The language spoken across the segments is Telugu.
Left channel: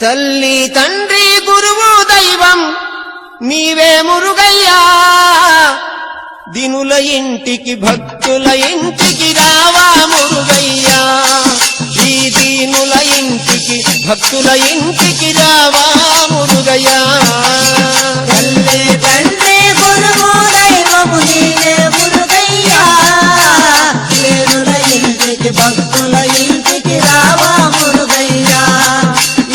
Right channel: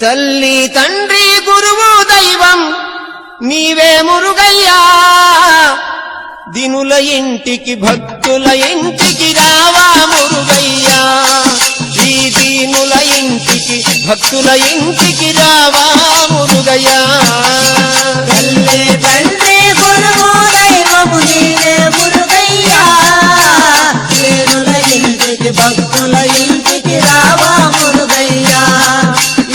తల్లి తండ్రి గురువు దైవం నీవే మురుగయ్యా, దినుల ఇంటికి భక్తుల ఇంటికి రావా మురుగయ్యా, ఈ దీనుల ఇంటికి భక్తుల ఇంటికి రావా మురుగయ్యా. తల్లి తండ్రి గురువు దైవము నీవే మురుగయ్యా, దీనుల ఇంటికి భక్తుల ఇంటికి రావా మురుగయ్యా,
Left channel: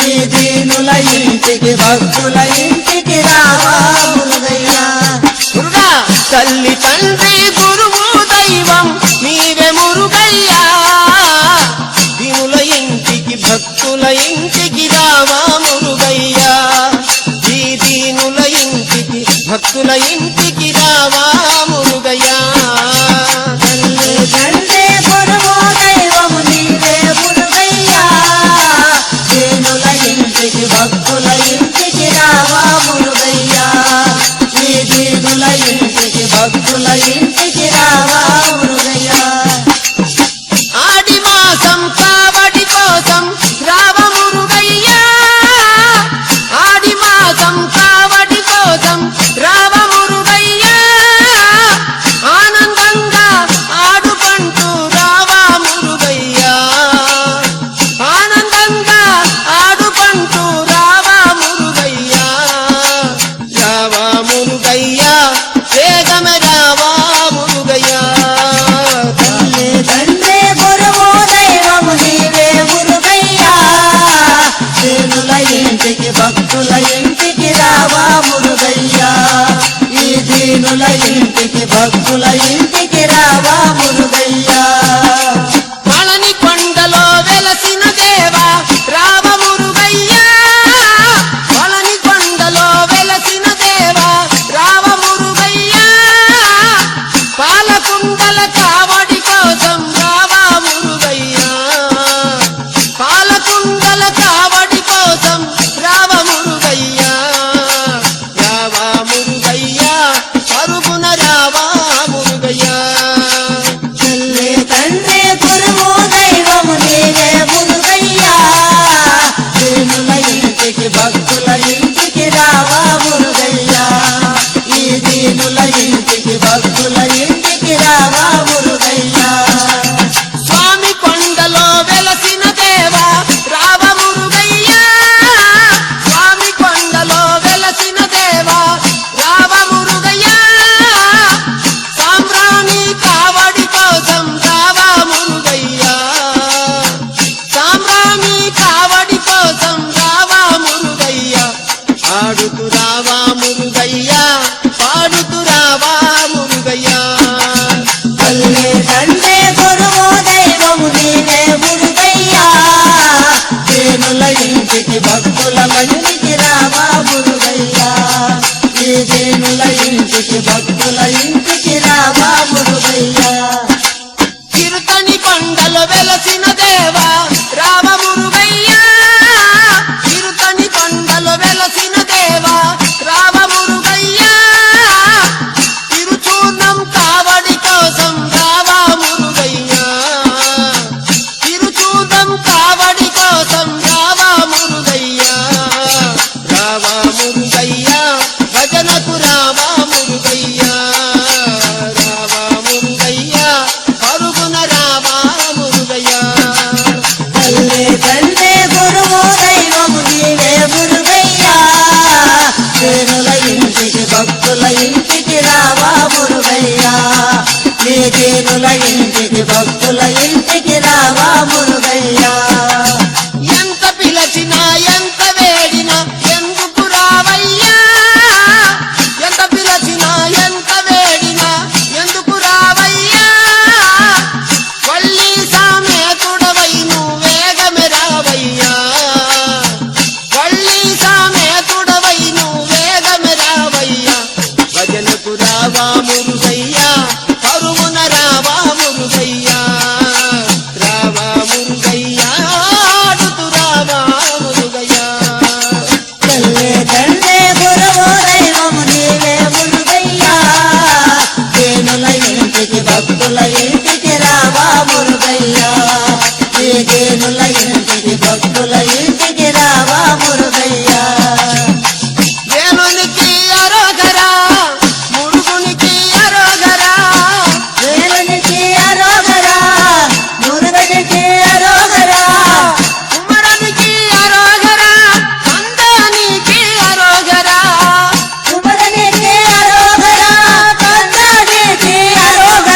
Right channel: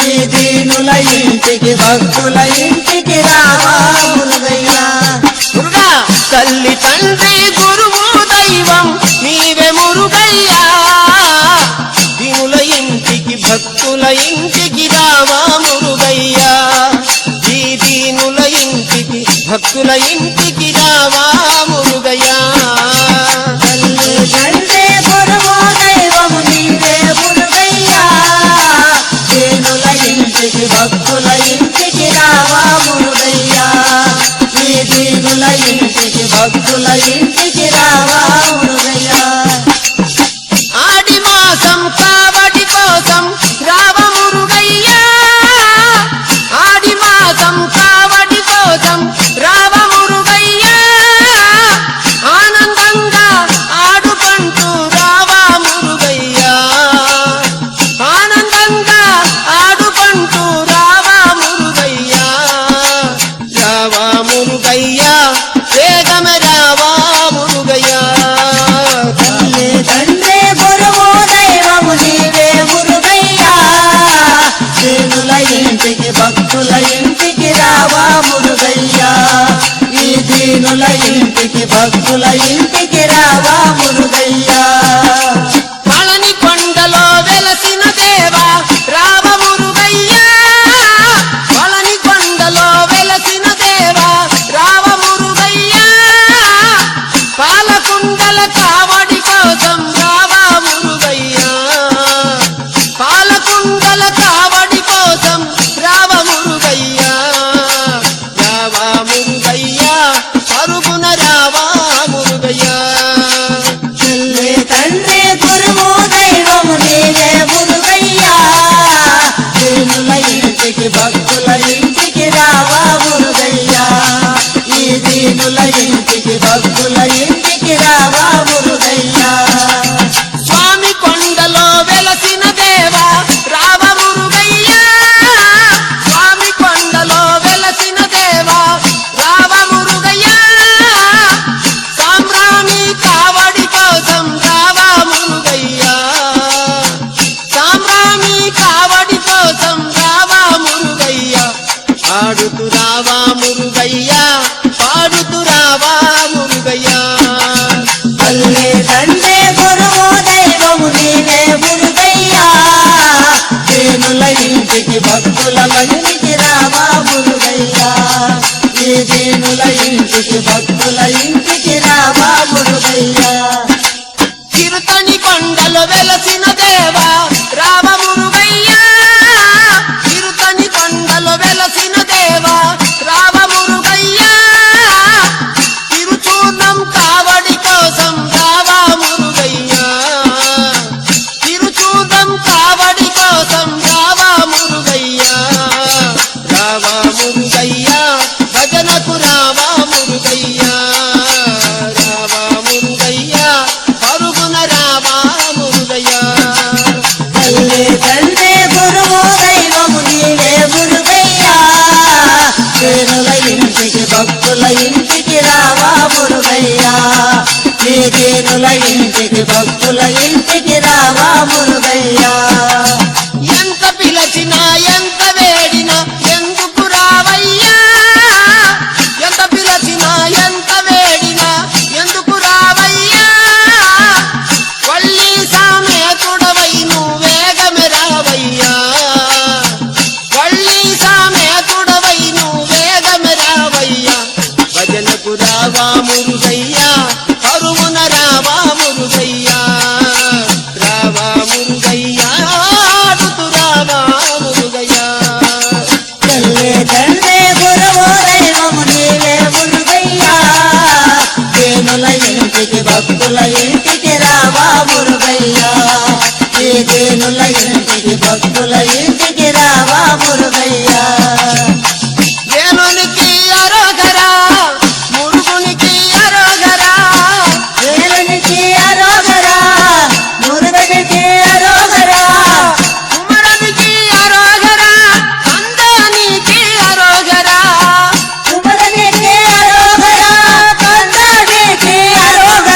ఈ దీనుల ఇంటికి భక్తుల ఇంటికి రావా మురుగయ్యా. తల్లి తండ్రి గురువు దైవం నీవే మురుగయ్యా, దీనుల ఇంటికి భక్తుల ఇంటికి రావా మురుగయ్యా, ఈ దీనుల ఇంటికి భక్తుల ఇంటికి రావా మురుగయ్యా. తల్లి తండ్రి గురువు దైవము నీవే మురుగయ్యా, దీనుల ఇంటికి భక్తుల ఇంటికి రావా మురుగయ్యా, ఈ దీనుల ఇంటికి భక్తుల ఇంటికి రావా మురుగయ్యా. ఆడి మాసం కావడి కోసం రావ మురుగయ్యా, ఆడి మాసం కావడి కోసం రావ మురుగయ్యా, ఆనందంగా ఆడుకుంటూ రావా మురుగయ్యా, ఆనందంగా ఆడుకుంటూ రావా మురుగయ్యా, రావా మురుగయ్యా, వేగమ రావా మురుగయ్యా. తల్లి తండ్రి గురువు దైవము నీవే మురుగయ్యా, దీనుల ఇంటికి భక్తుల ఇంటికి రావా మురుగయ్యా, ఈ దీనుల ఇంటికి భక్తుల ఇంటికి రావా మురుగయ్యా. పళని కొండలో వెలసిన దేవా రావ మురుగయ్యా, పళని కొండలో వెలసిన దేవా రావ మురుగయ్యా, పాలకుండల కావడి కోసం రావా మురుగయ్యా, పాలకుండల కావడి కోసం రావ మురుగయ్యా, రావా మురుగయ్యా, పరుగున రావా మురుగయ్యా. తల్లి తండ్రి గురువు దైవము నీవే మురుగయ్యా, దీనుల ఇంటికి భక్తుల ఇంటికి రావా మురుగయ్యా, ఈ దీనుల ఇంటికి భక్తుల ఇంటికి రావా మురుగయ్యా. స్వామి కొండలో వెలసిన దేవా రావ మురుగయ్యా, స్వామి కొండలో వెలసిన దేవా రావ మురుగయ్యా, సాంబ్రాణి కావడి కోసం రావా మురుగయ్యా, సాంబ్రాణి కావడి కోసం రావా మురుగయ్యా, ఆడుతూ రావా మురుగయ్యా, పాడుతూ రావా మురుగయ్యా. తల్లి తండ్రి గురువు దైవము నీవే మురుగయ్యా, దీనుల ఇంటికి భక్తుల ఇంటికి రావా మురుగయ్యా, ఈ దీనుల ఇంటికి భక్తుల ఇంటికి రావా మురుగయ్యా. చిరుతని కొండలో వెలసిన దేవా రావ మురుగయ్యా, చిరుతని కొండలో వెలసిన దేవా రావ మురుగయ్యా, తిరుచూర్ణం కావడి కోసం రావా మురుగయ్యా, తిరుచూర్ణం కావడి కోసం రావా మురుగయ్యా, రావా మురుగయ్యా, భజనకు రావా మురుగయ్యా, రావా మురుగయ్యా, పరుగున రావా మురుగయ్యా. తల్లి తండ్రి గురువు దైవము నీవే మురుగయ్యా, దీనుల ఇంటికి భక్తుల ఇంటికి రావా మురుగయ్యా, ఈ దీనుల ఇంటికి భక్తుల ఇంటికి రావా మురుగయ్యా. ఎంత పిలచినా ఎంత వేడినా ఎందుకు రావయ్యా, ఎంత పిలచినా ఎంత వేడినా ఎందుకు రావయ్యా, వల్లి సామేతుడవై నువ్వు వేగమే రావయ్యా, వల్లి సామేతుడవై నువ్వు వేగమే రావయ్యా, భజనకు రావా మురుగయ్యా, పరుగున రావా మురుగయ్యా, రావా మురుగయ్యా, ఆడుతూ రావా మురుగయ్యా. తల్లి తండ్రి గురువు దైవము నీవే మురుగయ్యా, దీనుల ఇంటికి భక్తుల ఇంటికి రావా మురుగయ్యా, ఈ దీనుల